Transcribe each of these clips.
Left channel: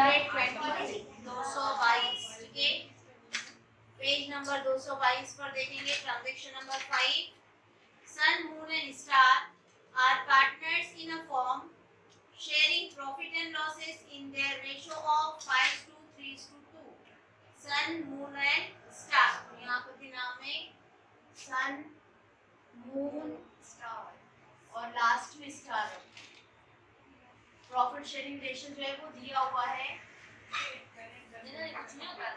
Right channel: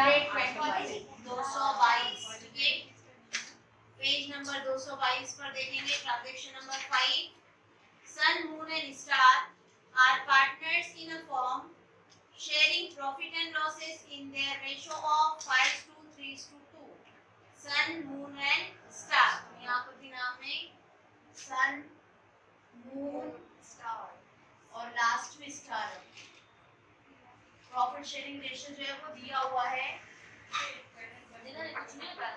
120 222, ठीक है। Page number 222 पर देखेंगे transaction number 5। Sun moon and star are partners in a firm sharing profit and losses in their ratio of 5:3:2। Sun moon and star, यहाँ पर भी नाम है सन मून स्टार और लास्ट में स्टार। प्रॉफिट शेयरिंग रेशियो जो है वो दिया हुआ है, कुछ नहीं होता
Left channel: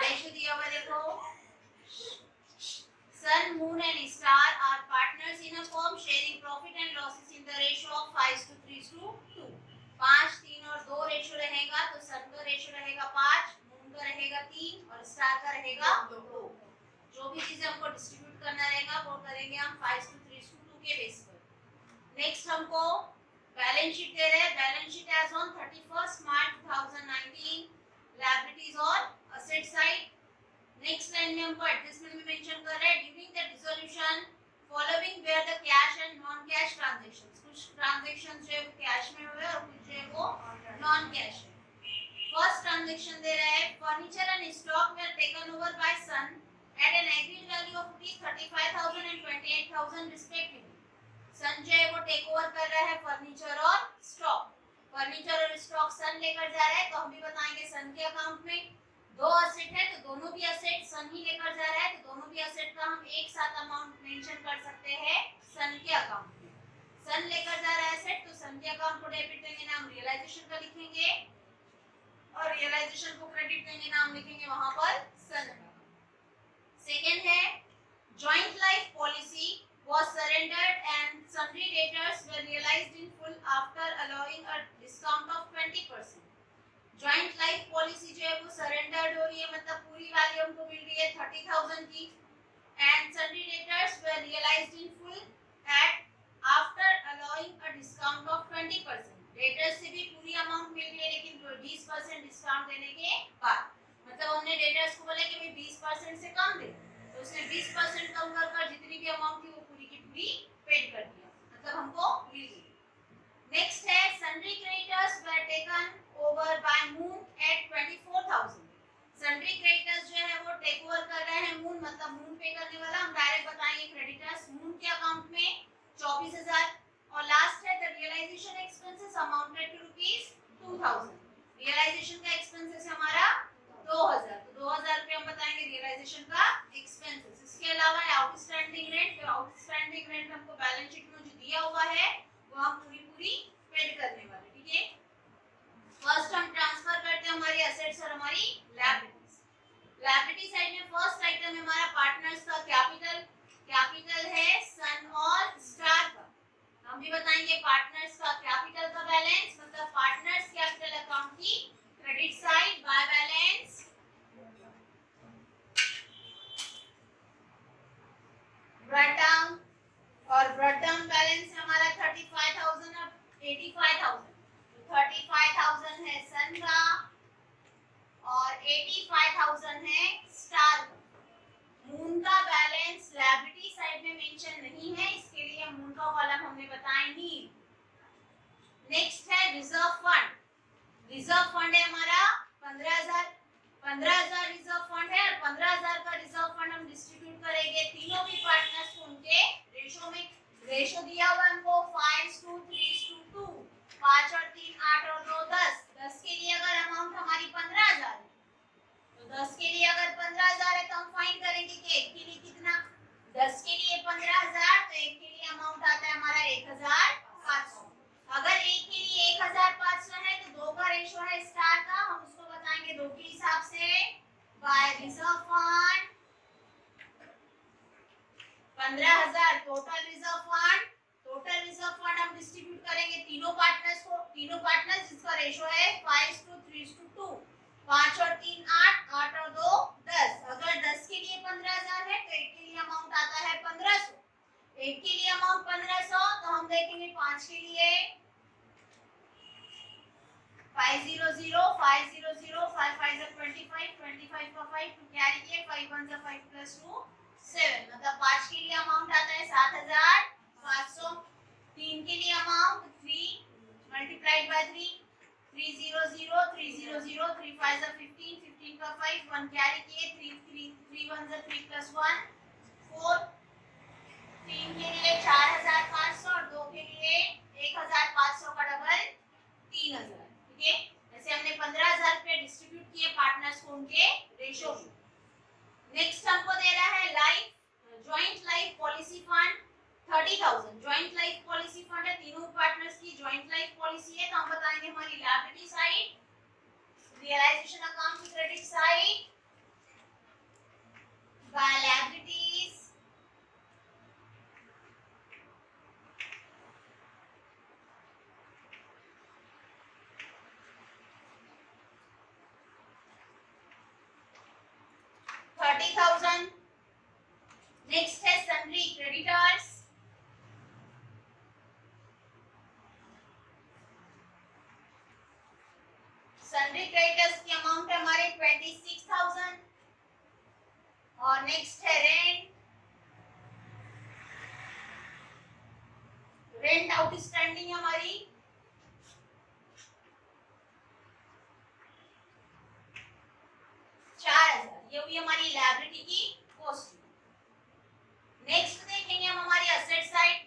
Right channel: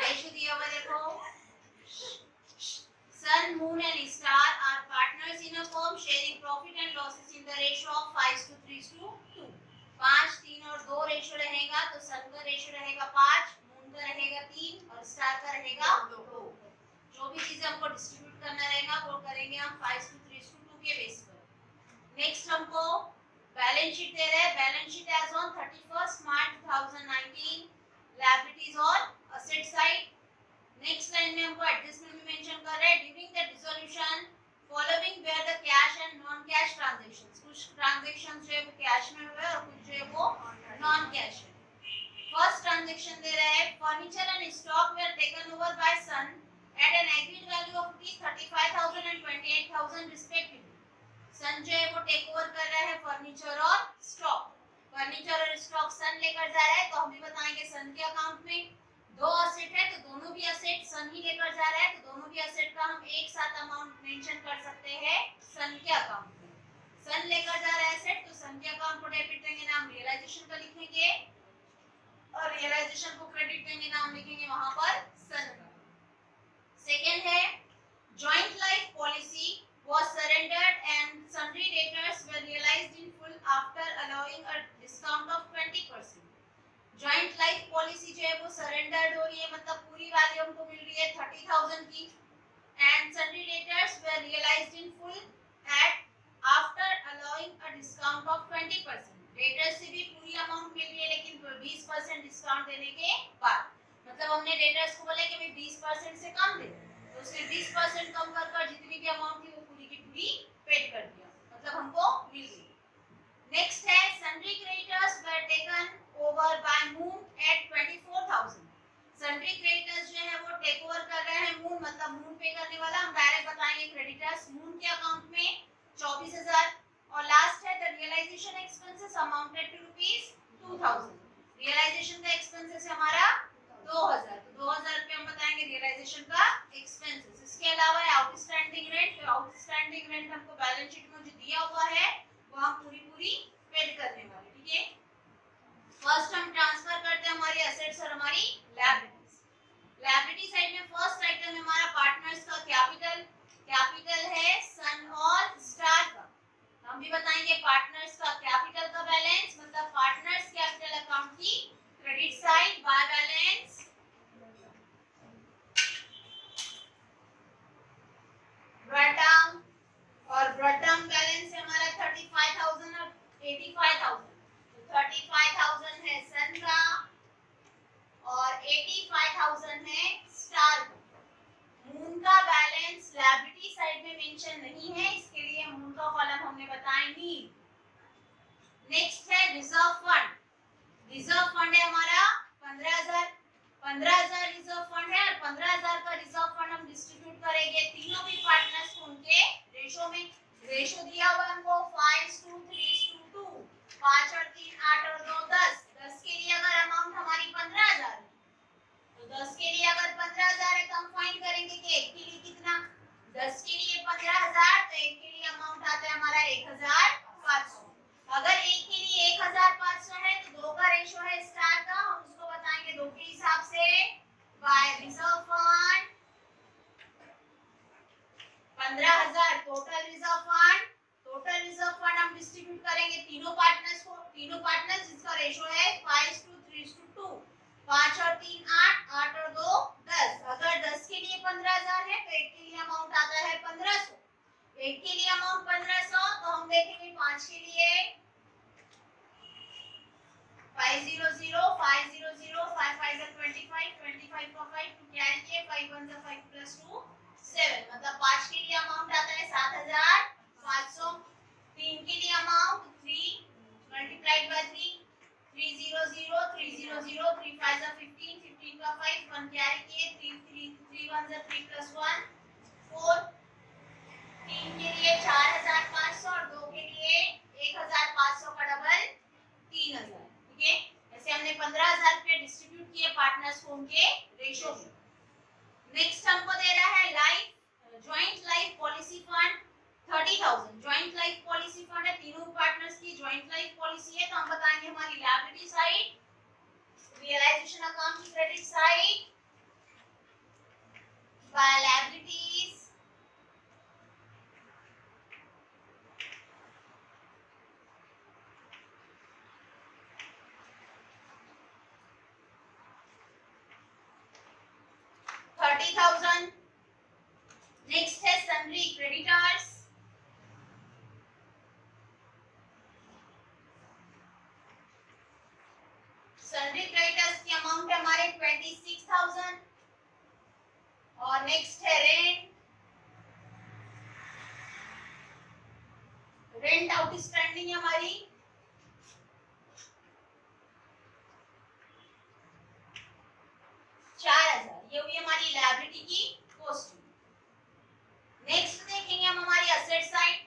रेशियो दिया हुआ देखो। Sun, Moon and Star are partners in a firm sharing profit and losses in the ratio of 5:3:2। 5, 3 और 2 रेशियो रहेगा तो सन का रेशियो रहेगा 5, मून का रहेगा 3 और स्टार का रहेगा 2। जो भी चीजें हमको डिस्ट्रीब्यूट करना रहेगा वो करेंगे हम 5:3:2 के बेस पर। नेक्स्ट हमको बैलेंस शीट दे रहे हैं। Balance sheet as on 31 March 2019, liabilities और असेट साइड। नेक्स्ट लाइन में हमको एडजस्टमेंट में मेंशन कर रहे हैं during the dissolution following were the cash and non cash transactions. कुछ ट्रांजैक्शंस जो है वो कैश में हुए और कुछ जो है वो नॉन कैश है। फर्स्ट ट्रांजैक्शन दे रहा है furniture and stock were taken over by son at an agreed value of ₹35,000 and ₹28,000 respectively. Son जो है वो टेक ओवर कर रहा है फर्नीचर और स्टॉक। फर्नीचर और स्टॉक सन लेकर जा रहा है तो हम भी बताएंगे सन के अकाउंट में दो असेट है तो दोनों भी असेट सन ही लेकर जा रहा है तो दोनों भी असेट का हम एक साथ अमाउंट मेंशन कर सकते हैं सन के अकाउंट में। सन लेकर जा रहा है असेट तो सन के अकाउंट को डेबिट देंगे, नाम रियलाइजेशन का लिखेंगे और रियलाइजेशन को क्रेडिट देंगे, नाम लिखेंगे वहां पर सन। सेकंड है joint life policy was surrendered and sundry debtors were realized in full after allowing a discount of 20%। Joint life policy जो है वो सरेंडर्ड हो रही है, मतलब पूरी वैल्यू हमको मिल रही है 30,000 की and sundry debtors were realised in full at after allowing a discount of 20%। Debtors से भी पूरी अमाउंट मिल रही है लेकिन 20% डिस्काउंट देने के बाद, मतलब हमने डेटर्स को बोला कि भाई 20% से कम दे तो उसने 20% कम कर जितनी भी अमाउंट थी वो पूरी की पूरी पेड कर दिया, मतलब हमको मिल गई। नेक्स्ट है sundry creditors were taken over by moon at 24,000। Sundry creditors जो है वो टेक ओवर कर रहे हैं मून, मतलब मून पे करने वाला। हम डायरेक्ट बताएंगे क्रेडिटर्स मून के अकाउंट में 24,000। और लास्ट है the realisation expenses amounted to ₹2,000। Realisation का एक्सपेंसेस हमारा 2,000, तो 2,000 रुपए हम बताएंगे रियलाइजेशन का एक्सपेंसेस। इसके अलावा आउटस्टैंडिंग रेंट, तो आउटस्टैंडिंग रेंट हमको बैलेंस शीट में जो दिया हुआ है वो हम पूरी पेड करने वाले, ठीक है। फर्स्ट हम ट्रांसफर करते हैं हमारे असेट्स और हमारी लायबिलिटीज। लायबिलिटी साइड में फर्स्ट आइटम है हमारा पार्टनर्स का कैपिटल। कैपिटल है सन और स्टार का। हम भी बताएंगे पार्टनर्स का कैपिटल का बैलेंस, मतलब पार्टनर्स कैपिटल अकाउंट की क्रेडिट साइड बाय बैलेंस ब्रॉडडाउन, और ब्रॉडडाउन बैलेंस है हमारा 35,000 और 85,000। 35,000 है सन का और 85,000 है स्टार का। मून का बैलेंस लायबिलिटी साइड में मेंशन नहीं है, इसके लिए मून का कॉलम हमने बताया नहीं। नेक्स्ट है रिजर्व फंड। रिजर्व फंड है हमारा 15,000। 15,000 रिजर्व फंड है और 15,000 का रिजर्व फंड हम डिस्ट्रीब्यूट करेंगे तीनों भी पार्टनर्स को उनके रेशो में। रेशो दिया हुआ है हमको 5:3:2। 5 और 3 8 और 2 10। 10 के लिए अगर अमाउंट हमारी 15,000 है तो 10 के लिए अगर 15,000 है तो हम फाइंड करेंगे कि एक के लिए कितना। 10 के लिए 15,000 तो एक के लिए अमाउंट आता है हमारा 1,500। अगर एक के लिए 1,500 है तो दो का रेशो है स्टार का, हम उसको बताएंगे दो के हिसाब से by reserve fund 15,000 total reserve fund. Total reserve fund हम डिस्ट्रीब्यूट करेंगे तीनों पार्टनर्स को। तीनों पार्टनर्स जिसका रेशो है 5:3:2। 5 और 3 8, 8 और 2 10। अगर 10 के लिए 15,000 है तो एक के लिए अमाउंट आता है 1,500। एक के लिए अमाउंट 1,500 तो हम देखेंगे 5 के लिए 500 500 5 5 25 25 का 5 टू कैरी के 5 1 5 प्लस 2 7 मतलब 5 के लिए अमाउंट आता है 7500 3 के लिए अमाउंट 3 मल्टीप्लाइड बाय 3 300 300 3 5 15 15 का 5 1 कैरी किए 3 1 3 प्लस 1 4 3 के लिए 4500 और 2 के लिए 1500 का डबल 3000 ठीक है। ऐसे हमने 15000 रुपए डिस्ट्रीब्यूट किए पार्टनर्स को उनके रेशियो में। नेक्स्ट हमको दे रहा है life joint life policy fund 30000 joint life policy fund है, तीनों पार्टनर्स की जॉइंट लाइफ पॉलिसी है। तो हम बताएंगे हमारी लायबिलिटी साइड रियलाइजेशन अकाउंट की credit side by liabilities 30,000। Next है सन्ड्री क्रेडिटर्स सन्ड्री क्रेडिटर्स की अमाउंट है हमारे 26,000। और नेक्स्ट है रेंट आउटस्टैंडिंग हमारी 4,000। ये हुई हमारी लायबिलिटी की कॉस्ट। नेक्स्ट देखेंगे हम हमारी असेट साइड।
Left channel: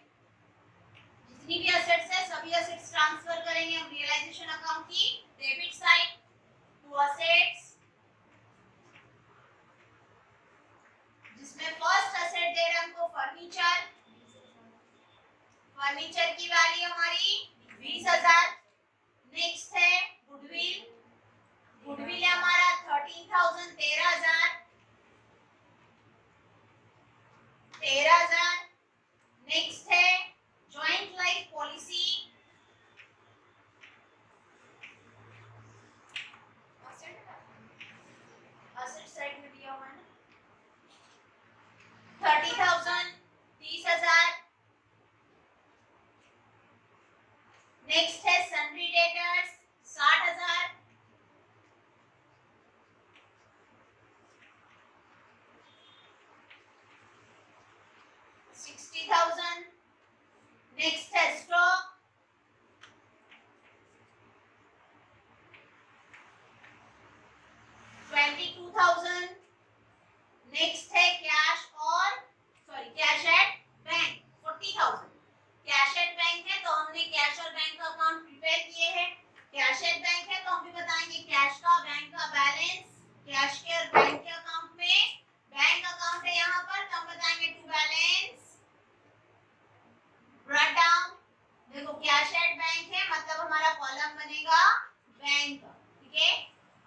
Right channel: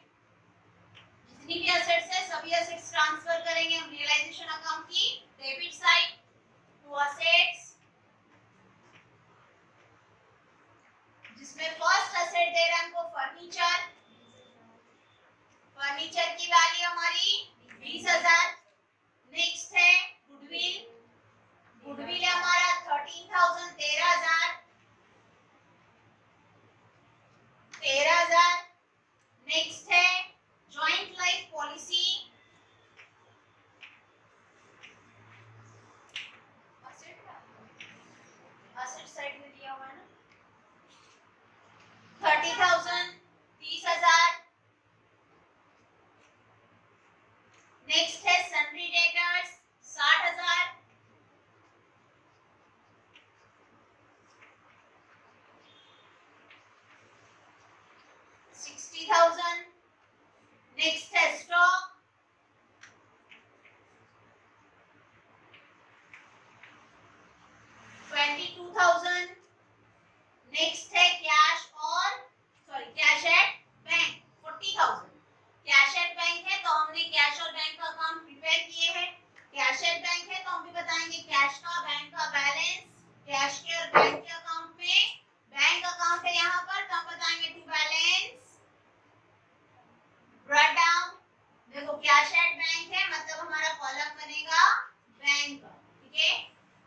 जितनी भी असेट्स है सभी असेट्स ट्रांसफर करेंगे हम रियलाइजेशन अकाउंट की डेबिट साइड टू असेट्स, जिसमें फर्स्ट असेट दे रहा है हमको फर्नीचर। फर्नीचर की वैल्यू हमारी 20,000। नेक्स्ट है गुडविल। गुडविल है हमारा 13,000 13,000। नेक्स्ट है joint life policy asset side में दिया हुआ है ना 30,000 30,000। नेक्स्ट है सन्ड्री डेटर्स 60,000। नेक्स्ट है स्टॉक 22,000। नेक्स्ट है कैश और cash at bank 40,000। Cash at bank है तो हमने कैश और बैंक का अकाउंट प्रिपेयर किए हैं। कैश एट बैंक है तो हम भी बताएंगे कैश का बैंक का बैलेंस कैश के और बैंक के अकाउंट में बैंक अकाउंट है यहाँ पर तो हम बताएंगे टू बैलेंस ब्रॉट डाउन। देखो कैश एट बैंक है मतलब हमारा कॉलम बनेगा बैंक का, ठीक है।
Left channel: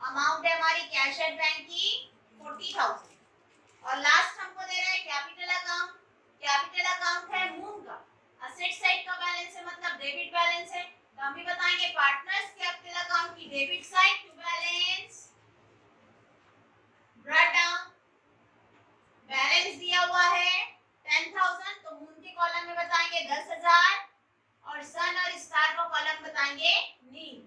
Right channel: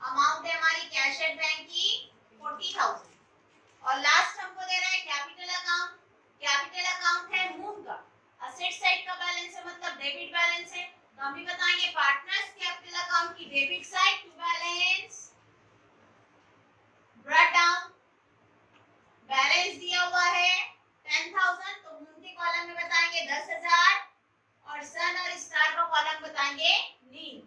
अमाउंट है हमारी कैश एट बैंक की 40,000। और लास्ट हमको दे रहा है कैपिटल अकाउंट। कैपिटल अकाउंट है मून का, असेट साइड का बैलेंस है मतलब डेबिट बैलेंस है तो हम भी बताएंगे पार्टनर्स कैपिटल अकाउंट की debit side to balance brought down. Balance दिया हुआ है 10,000 तो मून के कॉलम में बताएंगे 10,000 और सन और स्टार का कॉलम बताएंगे नील।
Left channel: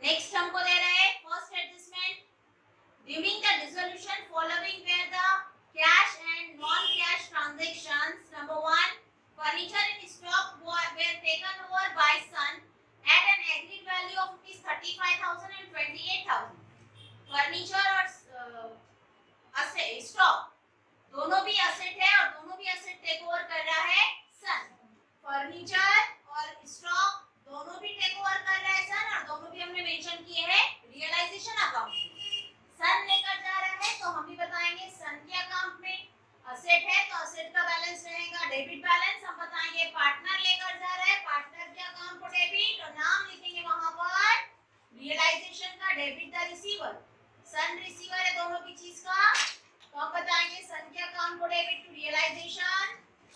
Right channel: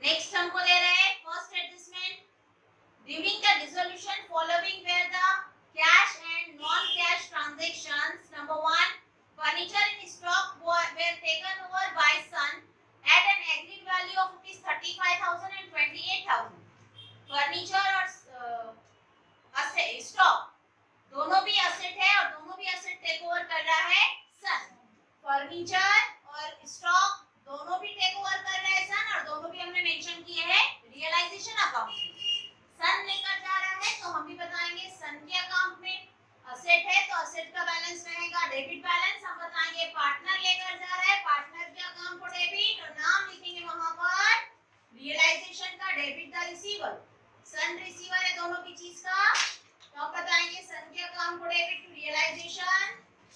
नेक्स्ट हमको दे रहे हैं first adjustment during the dissolution following were the cash and non cash transactions number 1 furniture in stock were taken over by Sun at an agreed value of ₹35,000 and ₹28,000। Furniture और stock दोनों भी asset है और दोनों भी asset take over कर रहा है सन। फर्नीचर और स्टॉक दोनों भी टेक ओवर कर रहा है सन और दोनों भी हमने मेंशन किए हैं रियलाइजेशन अकाउंट में। सन लेकर जा रहा है तो हम भी बताएंगे सन के अकाउंट में असेट है तो असेट का बैलेंस रहेगा डेबिट बैलेंस। हम बताएंगे पार्टनर लेकर जा रहा है पार्टनर के अकाउंट को डेबिट और नाम लिखेंगे वहां पर रियलाइजेशन का debit the receiver. Sun receiver है दोनों की चीज का तो हम बताएंगे सन के अकाउंट को डेबिट टू रियलाइजेशन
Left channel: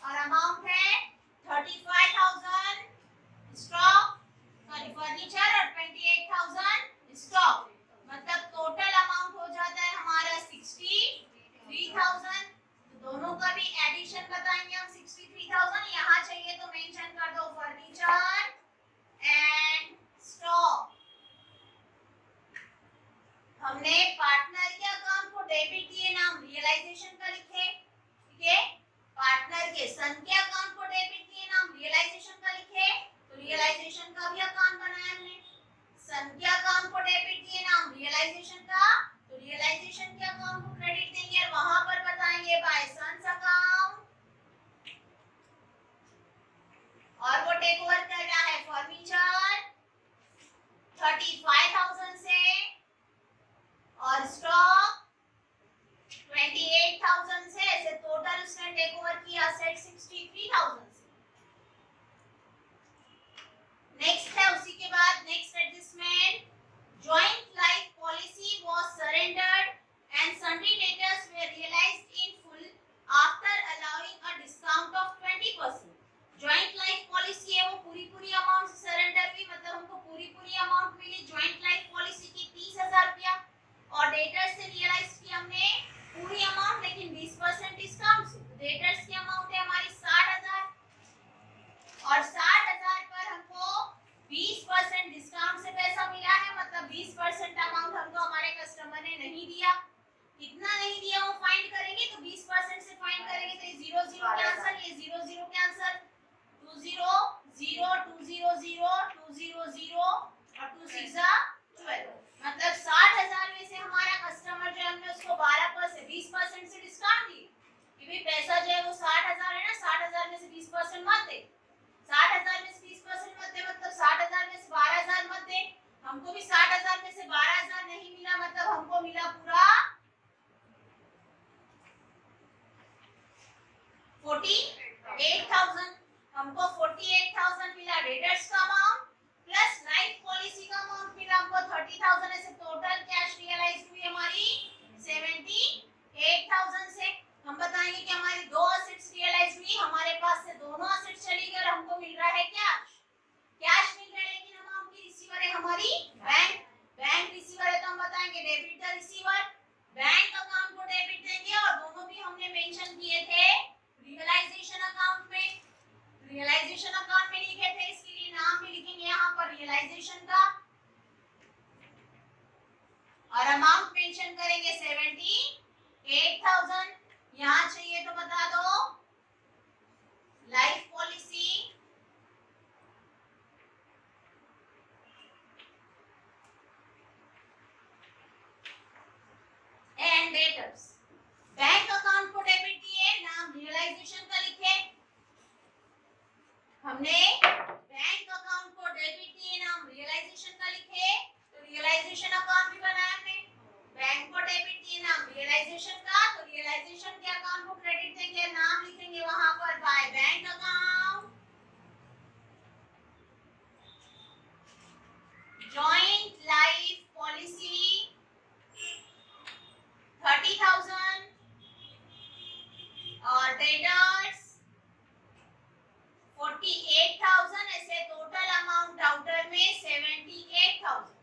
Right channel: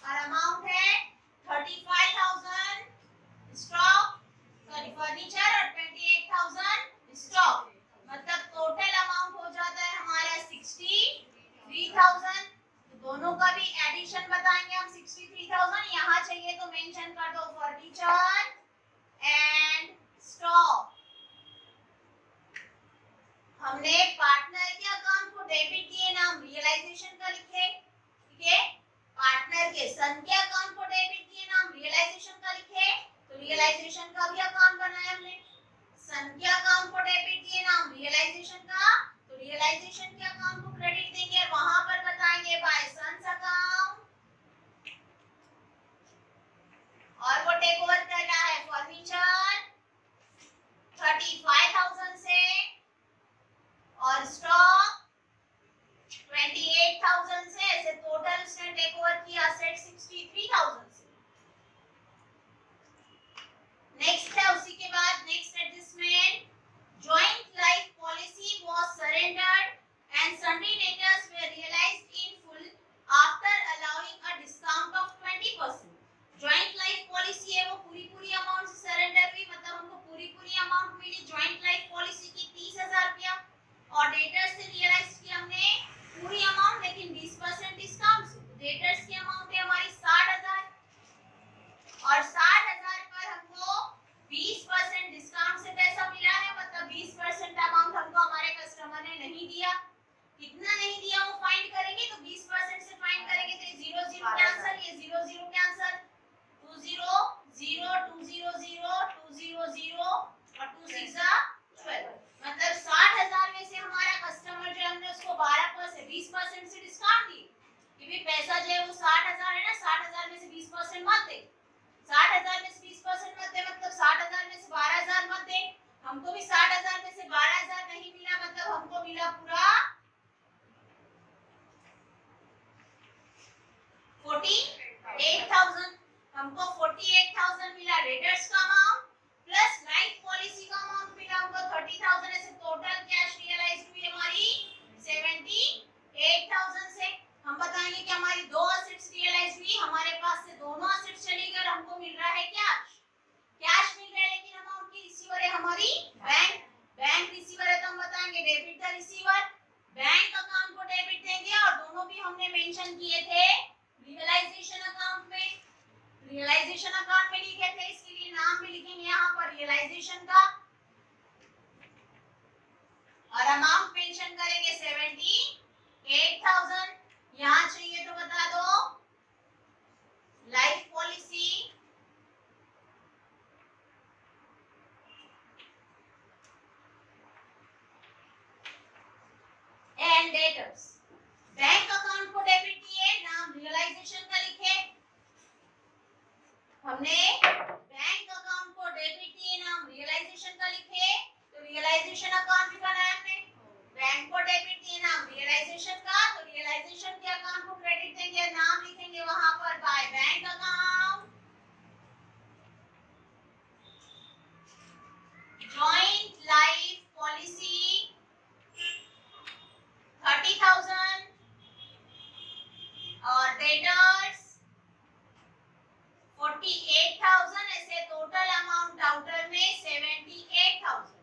और अमाउंट है 35,000 स्टॉक फर्नीचर और 28,000 स्टॉक मतलब टोटल अमाउंट हो जाता है हमारा 60,000। हमने पार्टनर के अकाउंट को डेबिट दिए, नाम रियलाइजेशन का लिखे, ठीक है। पार्टनर के सन के अकाउंट को डेबिट दिए, नाम रियलाइजेशन का लिखे, तो रियलाइजेशन का भी अकाउंट बनाया हमने। सन के अकाउंट को डेबिट दिए, नाम रियलाइजेशन का, तो रियलाइजेशन के अकाउंट को क्रेडिट देंगे और वहां पर बताएंगे बाय सन्स अकाउंट। और वो टेक ओवर करना है फर्नीचर 35,000 से और स्टॉक 28,000 से, ऐसे टोटल उसने टेक ओवर किया सेट 63,000 से। नेक्स्ट है उसी के बाद next adjustment, joint life policy was surrendered and sundry debtors were realised in full after allowing a discount of 20%। Joint life policy है वो पूरी अमाउंट से सरेंडर हुई, मतलब हमको पूरी अमाउंट मिली जॉइंट लाइफ पॉलिसी की 30,000 रुपया, और डेटर्स से रियलाइज की हमने पूरी अमाउंट लेकिन 20% डिस्काउंट से। डेटर्स की अमाउंट है हमारी 60,000 और 60,000 पर हमको 20% डिस्काउंट से पैसा मिला है, मतलब 20% अमाउंट हमको हमारे कस्टमर ने नहीं दिया। कितना नहीं दिया वो फाइंड करेंगे, तो 20% से फाइंड करेंगे तो 0 0 के आंसर, ये 0 0 के आंसर 2 0 0 2 0 0 2 0 0 और 2 6 12, मतलब 60,000 में से हमारा कस्टमर जो हमने उसको 12% 20% से डिस्काउंट दी कि भाई पैसा जो है वो 60,000 है ना, 60,000 में से 20% मत दे, 60,000 में से 20% मत दे, मतलब 60,000 में से 12,000 मत दे। हमको भी 60,000 में से 12,000 नहीं मिला, मतलब हमको मिला पूरा 48,000। हमको 48,000 मिला डेटर्स का अमाउंट प्लस लाइफ पॉलिसी का अमाउंट मिला हमको 30,000, ऐसे टोटल कैश रियलाइज हुई हमारी 78,000 से। हम बताएंगे कि हमारी दो असेट्स रियलाइज हुई, हमारे पास से दोनों असेट्स चली गई, हमको मिल रहा है कैश मिल रहा है, लेकिन अमाउंट की रिसीवर है हमारी बैंक रिसीवर है, तो हम बताएंगे debit the receiver, bank account को डेबिट देंगे, और दोनों भी हमने मेंशन किए थे रियलाइजेशन अकाउंट में, रियलाइजेशन अकाउंट में लिखे थे, इसके लिए नाम भी लिखेंगे यहाँ पर रियलाइजेशन का, और अमाउंट मेंशन करेंगे 78,000। यहाँ चाहिए तो बता दो life policy and debtors, bank account को डेबिट दिए, नाम रियलाइजेशन का लिखे, हमने बैंक अकाउंट को डेबिट दिए, नाम रियलाइजेशन का लिखे, तो रियलाइजेशन अकाउंट भी बनाया हमने, बैंक को डेबिट दिए, नाम रियलाइजेशन का, तो रियलाइजेशन के अकाउंट को क्रेडिट देंगे, नाम लिखेंगे वहां पर by bank account. Joint life policy 30,000 और डेटर्स 48,000, ऐसे टोटल अमाउंट आउटर में 78,000।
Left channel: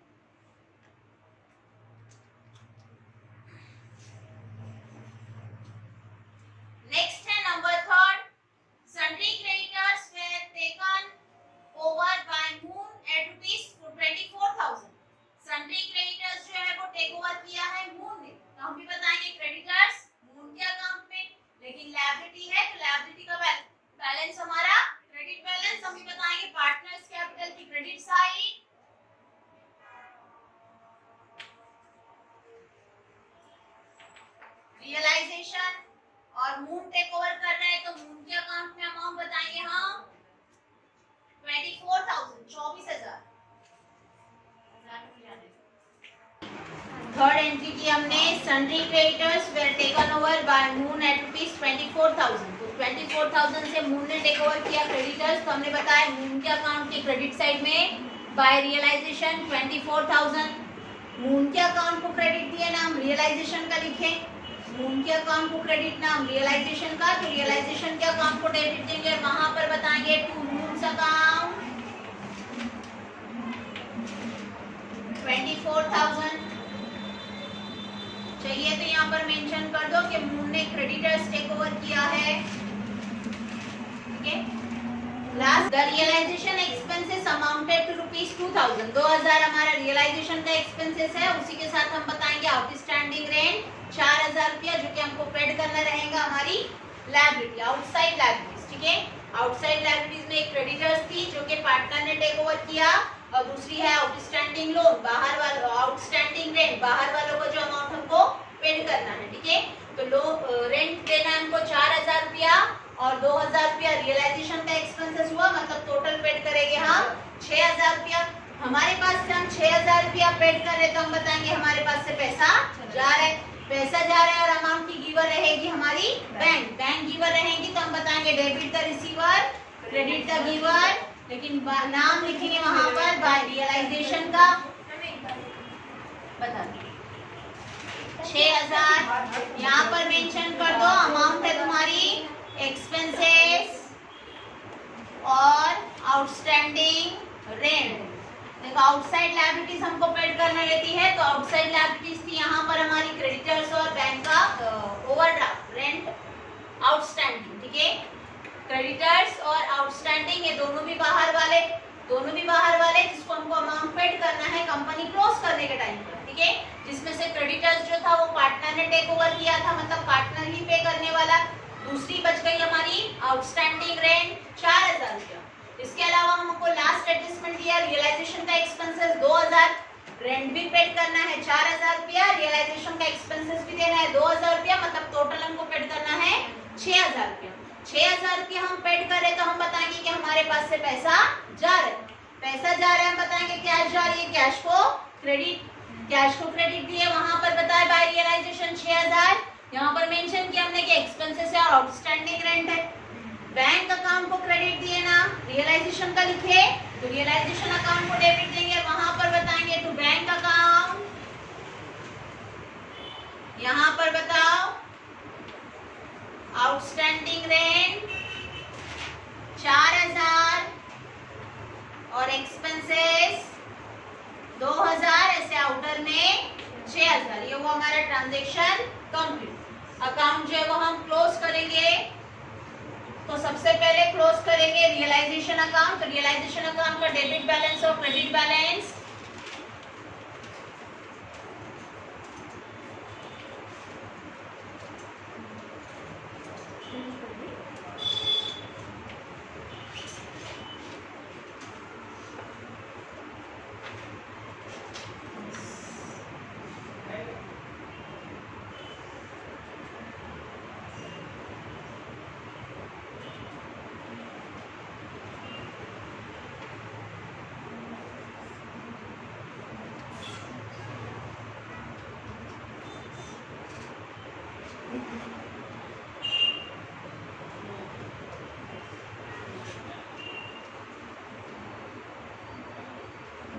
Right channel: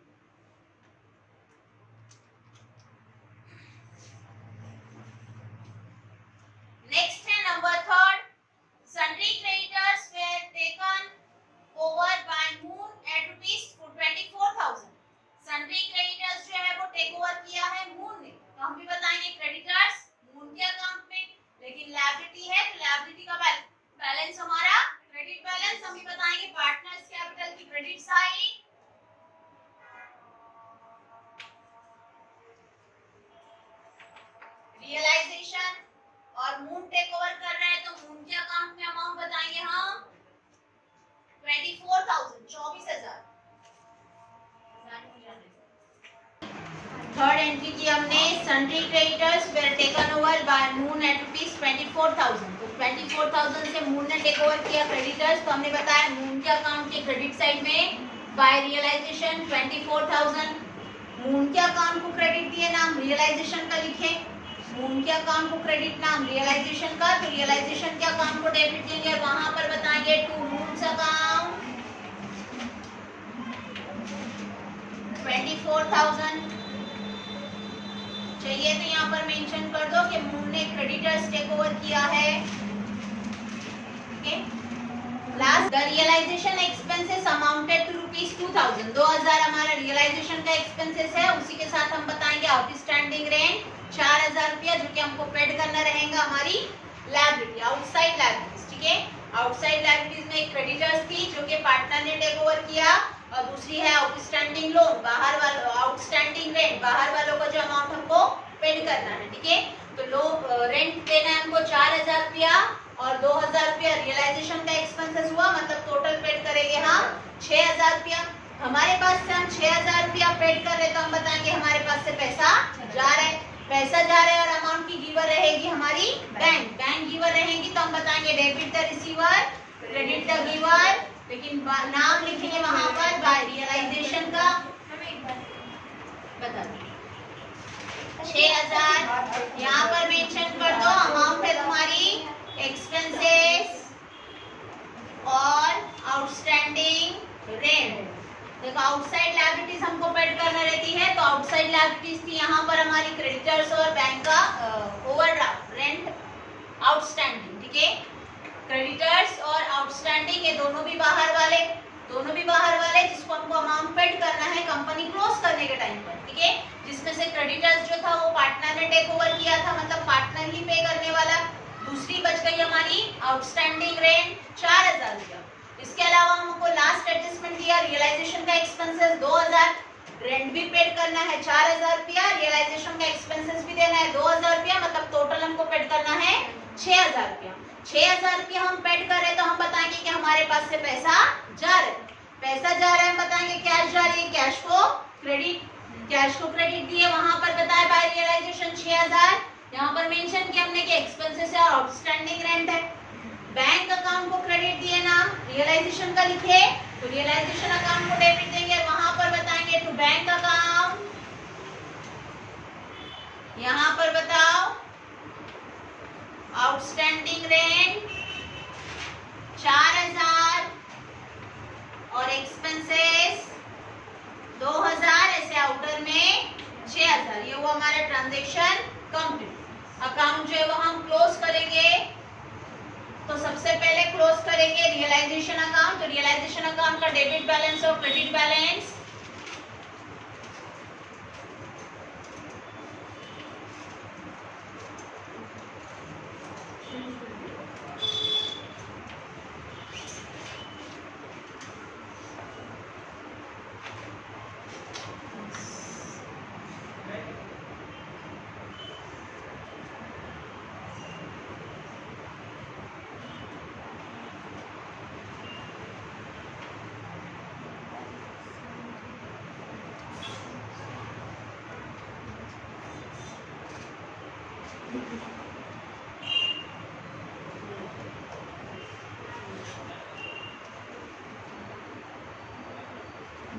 नेक्स्ट है number 3, sundry creditors were taken over by moon at ₹24,000। Sundry creditors जो है वो टेक ओवर किया है मून ने, तो हम भी बताएंगे क्रेडिटर्स मून के अकाउंट में, लेकिन लायबिलिटी है तो लायबिलिटी का बैलेंस हमारा क्रेडिट बैलेंस, हम भी बताएंगे पार्टनर्स कैपिटल की क्रेडिट साइड, रियलाइजेशन, और मून टेक ओवर कर रहा है तो मून के अकाउंट में अमाउंट बताएंगे हम 24,000 24,000। थर्ड एंट्री की हमने sundry creditors were taken over by moon at ₹24,000, तो 24,000 से मून ने टेक ओवर किया क्रेडिटर्स, तो हमने बताया मून के अकाउंट के क्रेडिट साइड में बाय रियलाइजेशन 24,000, मून के अकाउंट को क्रेडिट दिया, नाम रियलाइजेशन का लिखे, मून के अकाउंट को क्रेडिट, नाम रियलाइजेशन का, तो रियलाइजेशन के अकाउंट को डेबिट देंगे, वहां पर बताएंगे टू मून्स अकाउंट 24,000। चलिए तो यहाँ पर मेंशन कर दो कि मून ने क्रेडिटर्स टेक ओवर किया है, ठीक है। Last the realisation expenses amounted to ₹2000। 2000 हमारा रियलाइजेशन का एक्सपेंसेस है। उसी के साथ हम बताएंगे आउटस्टैंडिंग रेंट 4000 रुपया, जो कि हमको पेड करना रहेगा हमारी लायबिलिटी, आउटसाइड लायबिलिटीज। ठीक है, आउटसाइड लायबिलिटीज में एक क्रेडिटर्स थी जो कि पार्टनर ने टेक ओवर किया, और दूसरी है आउटस्टैंडिंग लोन, बाहर वालों, आउटस्टैंडिंग रेंट, बाहर वालों को जो अमाउंट हमको पेड करना है। ठीक है, तो रेंट देना है हमको 4000 रुपया और 2000 रुपया रियलाइजेशन का एक्सपेंसेस हुआ, मतलब टोटल पेड करेंगे हम 6000 रुपया। हमारे पास से हम 6000 रुपया पेड कर रहे, तो हम बताएंगे हमारे पास से पैसा जा रहा है, पैसा जा रहा है, और अमाउंट की गिवर रहेगी हमारी बैंक गिवर रहेगी, तो हम बताएंगे debit the receiver, credit the giver, लेकिन नाम लिखेंगे वहां पर बाय रियलाइजेशन का। बता 6000 यहाँ पर मेंशन कर दो, अमाउंट है तुम्हारी एक्सपेंसेस और आउटस्टैंडिंग रेंट। देखो आउटसाइड लायबिलिटीज हमको पेड करने रहती है, तो आउटसाइड लायबिलिटीज थी यहाँ पर हमारी क्रेडिटर्स और बैंक का ओवरड्राफ्ट, रेंट, आउटस्टैंडिंग। ठीक है, क्रेडिटर्स और आउटस्टैंडिंग, ये दोनों भी बाहर वाले जिसको हमको अमाउंट पेड करना है कंपनी क्लोज करने के टाइम पर। ठीक है, जिसमें से क्रेडिटर्स जो था वो पार्टनर ने टेक ओवर किया था, मतलब पार्टनर ही पे करने वाला। दूसरी बच गई हमारी आउटस्टैंडिंग रेंट 4000 रुपया। इसके अलावा हमको लास्ट एडजस्टमेंट दिया रियलाइजेशन का एक्सपेंसेस 2000, रेंट भी पेड करना है 4000 रुपया, रियलाइजेशन का एक्सपेंसेस भी देना है 2000 रुपया, मतलब टोटल हमको पेड करना है 6000 रुपया। 6000 रुपया हम पेड कर रहे, तो हम बताएंगे कि हमारे पास से पैसा जा रहा है, बताएंगे कैश जा रही है, कैश को क्रेडिट दिए, वहां पर बताया बाय रियलाइजेशन 6000, यहाँ पर मेंशन किया हमने कि एक्सपेंसेस है और आउटस्टैंडिंग रेंट है। बैंक अकाउंट को क्रेडिट दिए, नाम रियलाइजेशन का लिखे, तो रियलाइजेशन अकाउंट को डेबिट देंगे, वहां पर बताएंगे टू बैंक अकाउंट। यहाँ पर बताओ आउटस्टैंडिंग रेंट 4000 और एक्सपेंसेस 2000, ऐसे आउटर में 6000। ये वो हमारा ट्रांजैक्शन कंप्लीट। अकाउंट जो है वो हम क्लोज करेंगे, तो सबसे पहले क्लोज करेंगे रियलाइजेशन अकाउंट। तो रियलाइजेशन अकाउंट का डेबिट बैलेंस और क्रेडिट बैलेंस,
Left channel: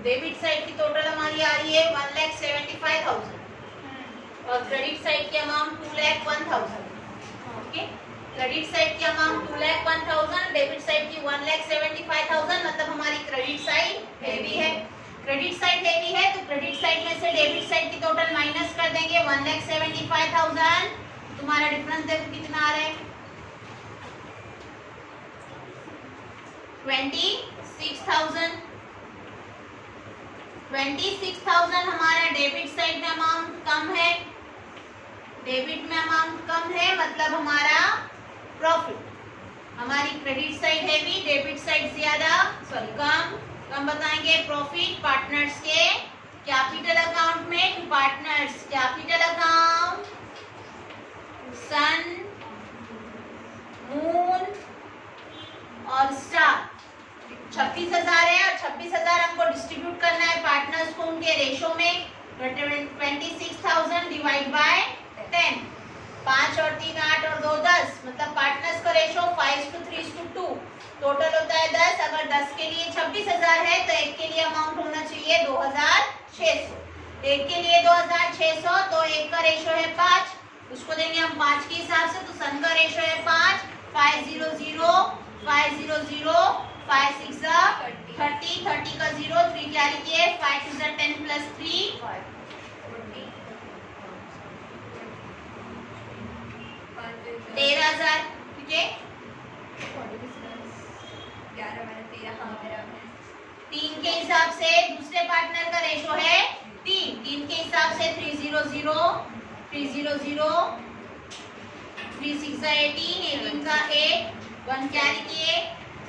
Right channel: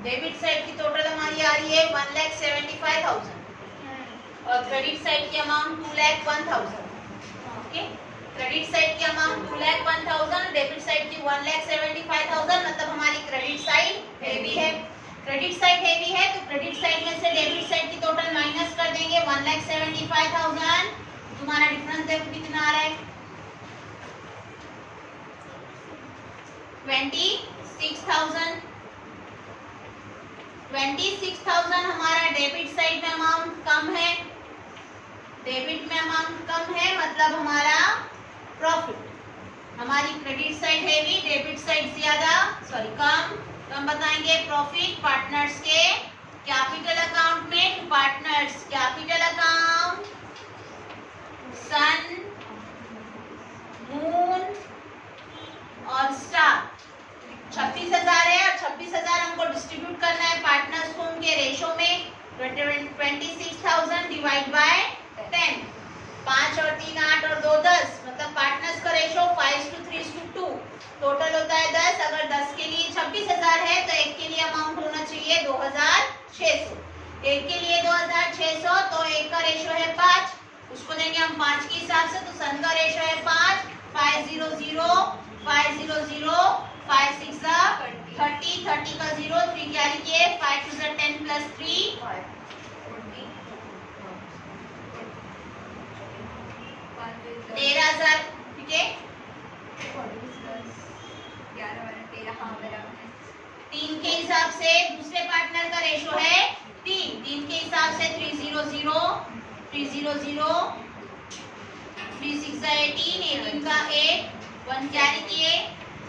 डेबिट साइड की टोटल हमारी आ रही है 1,75,000 और क्रेडिट साइड की अमाउंट 2,01,000। ओके, क्रेडिट साइड की अमाउंट 2,01,000, डेबिट साइड की 1,75,000, मतलब हमारी क्रेडिट साइड हेवी है। क्रेडिट साइड हेवी है, तो क्रेडिट साइड में से डेबिट साइड की टोटल माइनस कर देंगे 1,75,000। तुम्हारा डिफरेंस देखो कितना आ रहा है 26,000। 26,000 हमारा डेबिट साइड में अमाउंट कम है, मतलब हमारा प्रॉफिट, हमारी credit side heavy, debit side ज्यादा, कम बताएंगे। प्रॉफिट पार्टनर्स के कैपिटल अकाउंट में, पार्टनर्स कैपिटल अकाउंट, सन, मून और स्टार 26,000 है, और 26,000 हमको डिस्ट्रीब्यूट करना है पार्टनर्स को उनके रेशो में। 26,000 डिवाइड बाय 10, 5 और 3 8 और 2 10, मतलब पार्टनर्स का रेशो 5:3:2, टोटल होता है 10। अगर 10 के लिए 26,000 है, तो एक के लिए अमाउंट होना चाहिए 2,600, एक के लिए 2,600, तो एक का रेशो है 5, उसको देंगे हम 5 के हिसाब से, तो सन का रेशो है 5, 500, 500, 5 6 30, 30 का 0, 3 कैरी किए, 5 2 10 प्लस 3 13,000। ठीक है, 3 के हिसाब से दूसरे पार्टनर का रेशो है 3 के हिसाब से 300 3 6 18 का 8 1 कैरी किए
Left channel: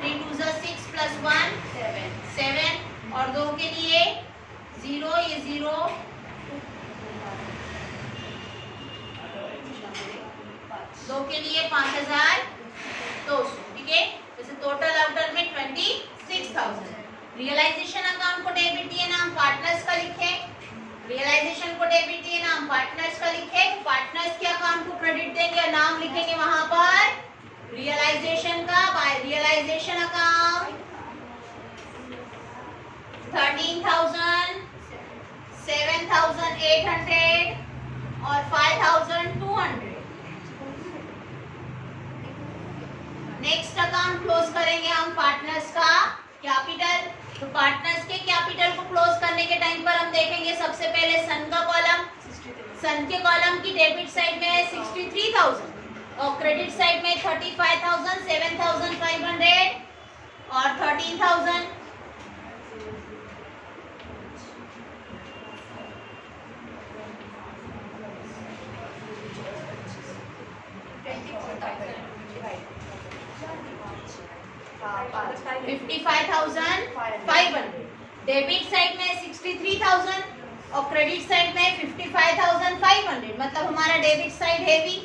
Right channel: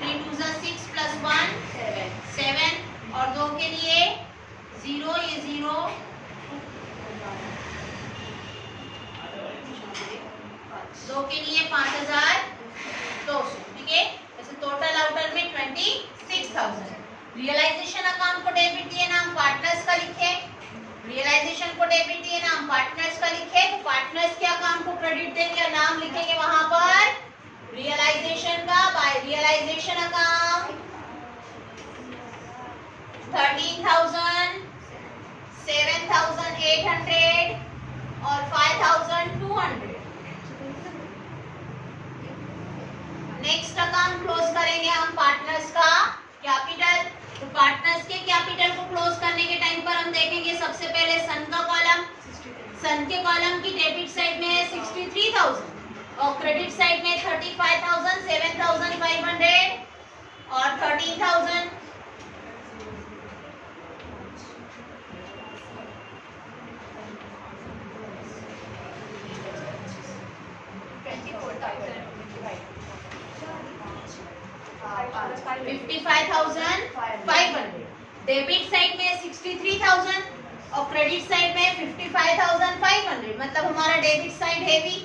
3 2 6 प्लस 1 7 और 2 के लिए 0 ये 0 2 के लिए 5200 ठीक है। जैसे टोटल आउटर में 26,000। रियलाइजेशन अकाउंट को डेबिट दिए नाम पार्टनर्स का लिखे, रियलाइजेशन को डेबिट दिए नाम पार्टनर्स का लिखे, पार्टनर्स के अकाउंट को क्रेडिट देंगे और नाम लिखेंगे वहां पर रियलाइजेशन का बाय रियलाइजेशन अकाउंट 13,000 7,800 और 5,200। नेक्स्ट अकाउंट क्लोज करेंगे हम पार्टनर्स का कैपिटल। तो पार्टनर्स के कैपिटल को क्लोज करने के टाइम पर हम देखेंगे सबसे पहले सन का कॉलम, सन के कॉलम की डेबिट साइड में है 63,000 और क्रेडिट साइड में 35,000 7,500 और 13,000। डेबिट साइड में 63,000 और क्रेडिट साइड में 55,500। मतलब हमारा डेबिट साइड हैवी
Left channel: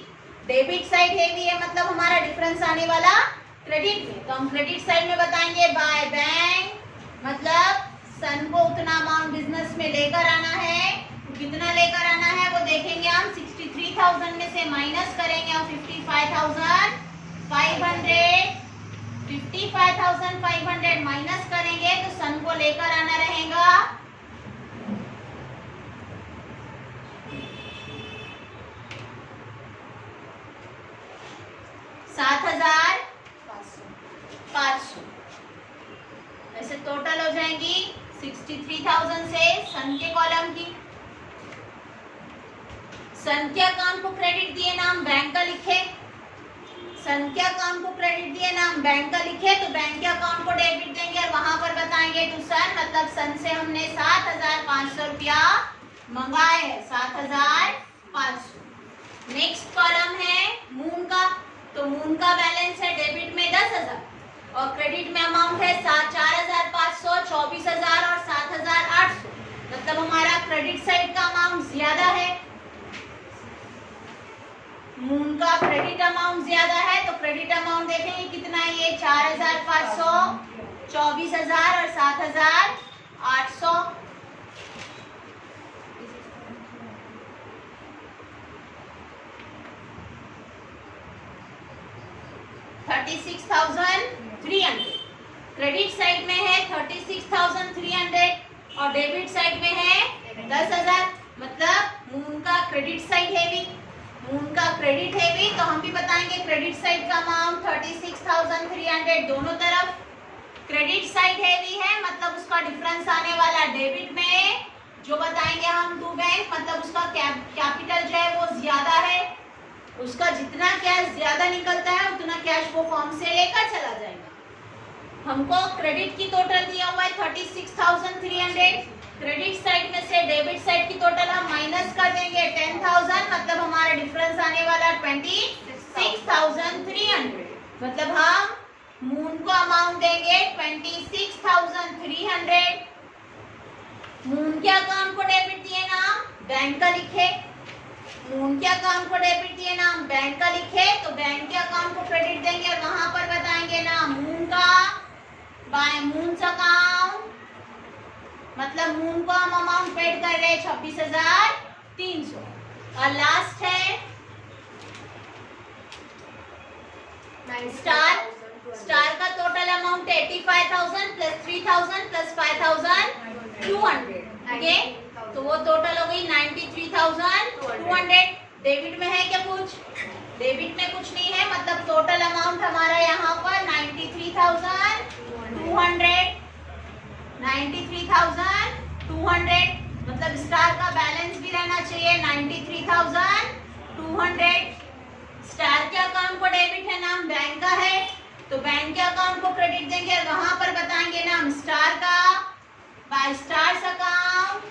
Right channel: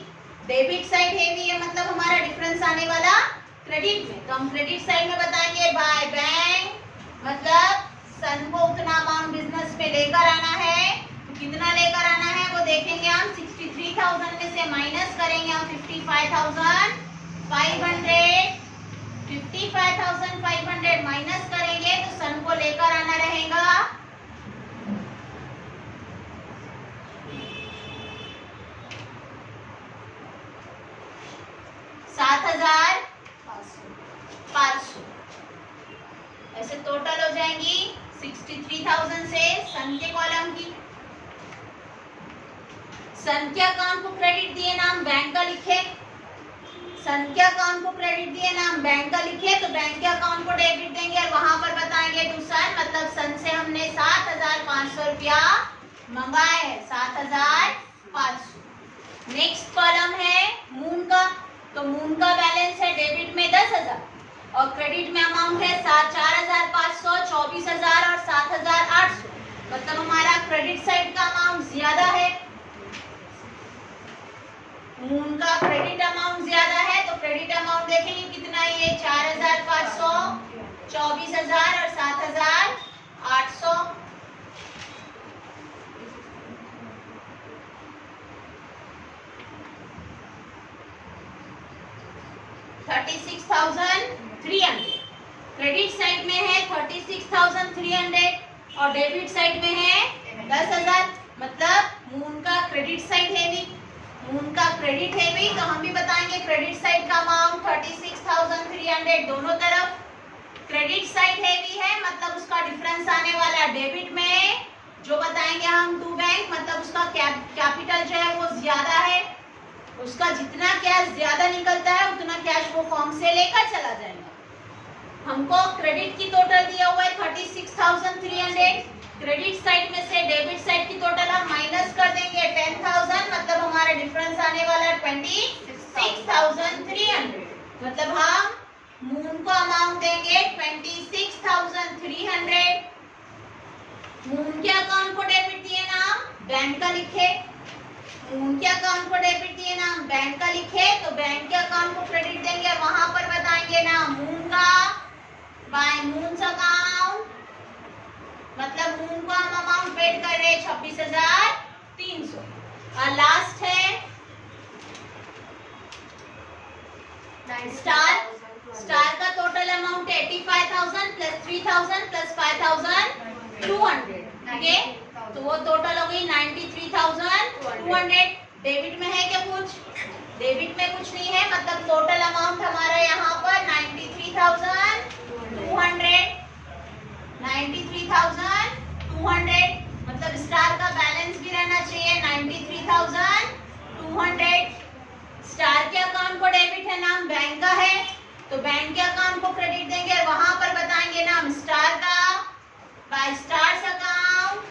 है, मतलब हमारा डिफरेंस आने वाला क्रेडिट में। तो हम क्रेडिट साइड में बताएंगे बाय बैंक, मतलब सन को उतना अमाउंट बिजनेस में लेकर आना है। तो कितना लेकर आना है वो देखेंगे हम। 63,000 में से माइनस करेंगे हम 55,500 माइनस करेंगे तो सन को लेकर आना रहेगा 7,500। ऐसे टोटल हो जाएगी 63,000 से सन के कॉलम की। सन के अकाउंट को क्रेडिट दिए नाम बैंक का लिखे, सन के अकाउंट को क्रेडिट दिए नाम बैंक का लिखे तो बैंक के अकाउंट को डेबिट देंगे और वहां पर बताएंगे टू सन, मतलब सन से हमने 7,500 रुपया मंगाए है 7,500। नेक्स्ट कॉलम है मून का। तो मून का बैलेंस है डेबिट में 10,000 और क्रेडिट में अमाउंट है 4,500 24,000 और 7,800। मतलब हमारा क्रेडिट साइड का अमाउंट ज्यादा है, मून का क्रेडिट अमाउंट ज्यादा है। तो क्रेडिट अमाउंट देखेंगे कितना है, ये 4,500 24,000 और 7,800। 36,300 क्रेडिट साइड में है 36,300 और डेबिट साइड में है 10,000। मतलब मून का क्रेडिट साइड हैवी, मून का क्रेडिट हैवी, तो हम भी बताएंगे क्रेडिट साइड का अमाउंट 36,300 दोनों तरफ। क्रेडिट साइड हैवी है मतलब उसका डिफरेंस आने वाला डेबिट में जो बताएंगे हम टू बैंक, मतलब उसका कैपिटल जो है वो ज्यादा है, उसका जितना कैश ज्यादा निकलता है उतना कैश वो फॉर्म से लेकर चला जाएगा। हमको क्रेडिट की टोटल दिया हुआ है 36,300, क्रेडिट साइड में से डेबिट साइड की टोटल हम माइनस कर देंगे 10,000, मतलब हमारा डिफरेंस आने वाला 26,300। मतलब हम मून को अमाउंट देंगे 26,300। मून के अकाउंट को डेबिट दिए नाम बैंक का लिखे, मून के अकाउंट को डेबिट दिए नाम बैंक का लिखे तो बैंक के अकाउंट को क्रेडिट देंगे और वहां पर बताएंगे नाम मून का बाय मून्स अकाउंट। मतलब मून को हम अमाउंट पेड कर रहे हैं 26,300। और लास्ट है स्टार। स्टार का टोटल अमाउंट 85,000 प्लस 3,000 प्लस 5,200। ठीक है, तो वो टोटल हो गई 93,200। डेबिट में है क्या कुछ? डेबिट में कुछ नहीं है, मतलब टोटल अमाउंट हमारा यहाँ पर 93,200। मतलब स्टार का बैलेंस भी रहना चाहिए 93,200। स्टार के अकाउंट को डेबिट है नाम बैंक का है तो बैंक के अकाउंट को क्रेडिट देंगे, वहां पर बताएंगे स्टार्स अकाउंट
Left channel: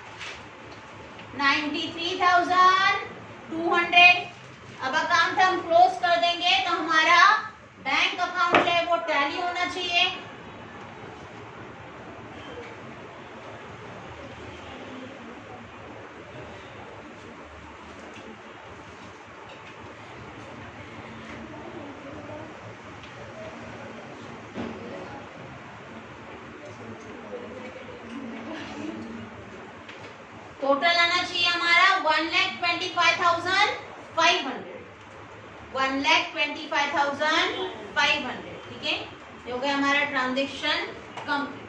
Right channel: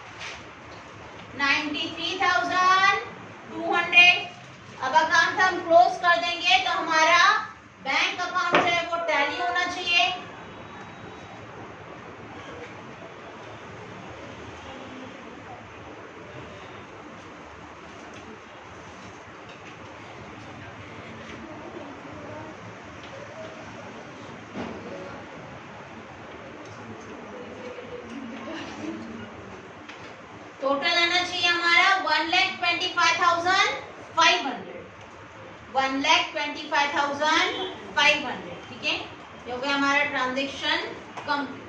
93,200। अब अकाउंट हम क्लोज कर देंगे तो हमारा बैंक अकाउंट जो है वो टैली होना चाहिए। टोटल आना चाहिए हमारा 1,25,500, 1,25,500। ठीक है, ये हो गया हमारा ट्रांजेक्शन कंप्लीट।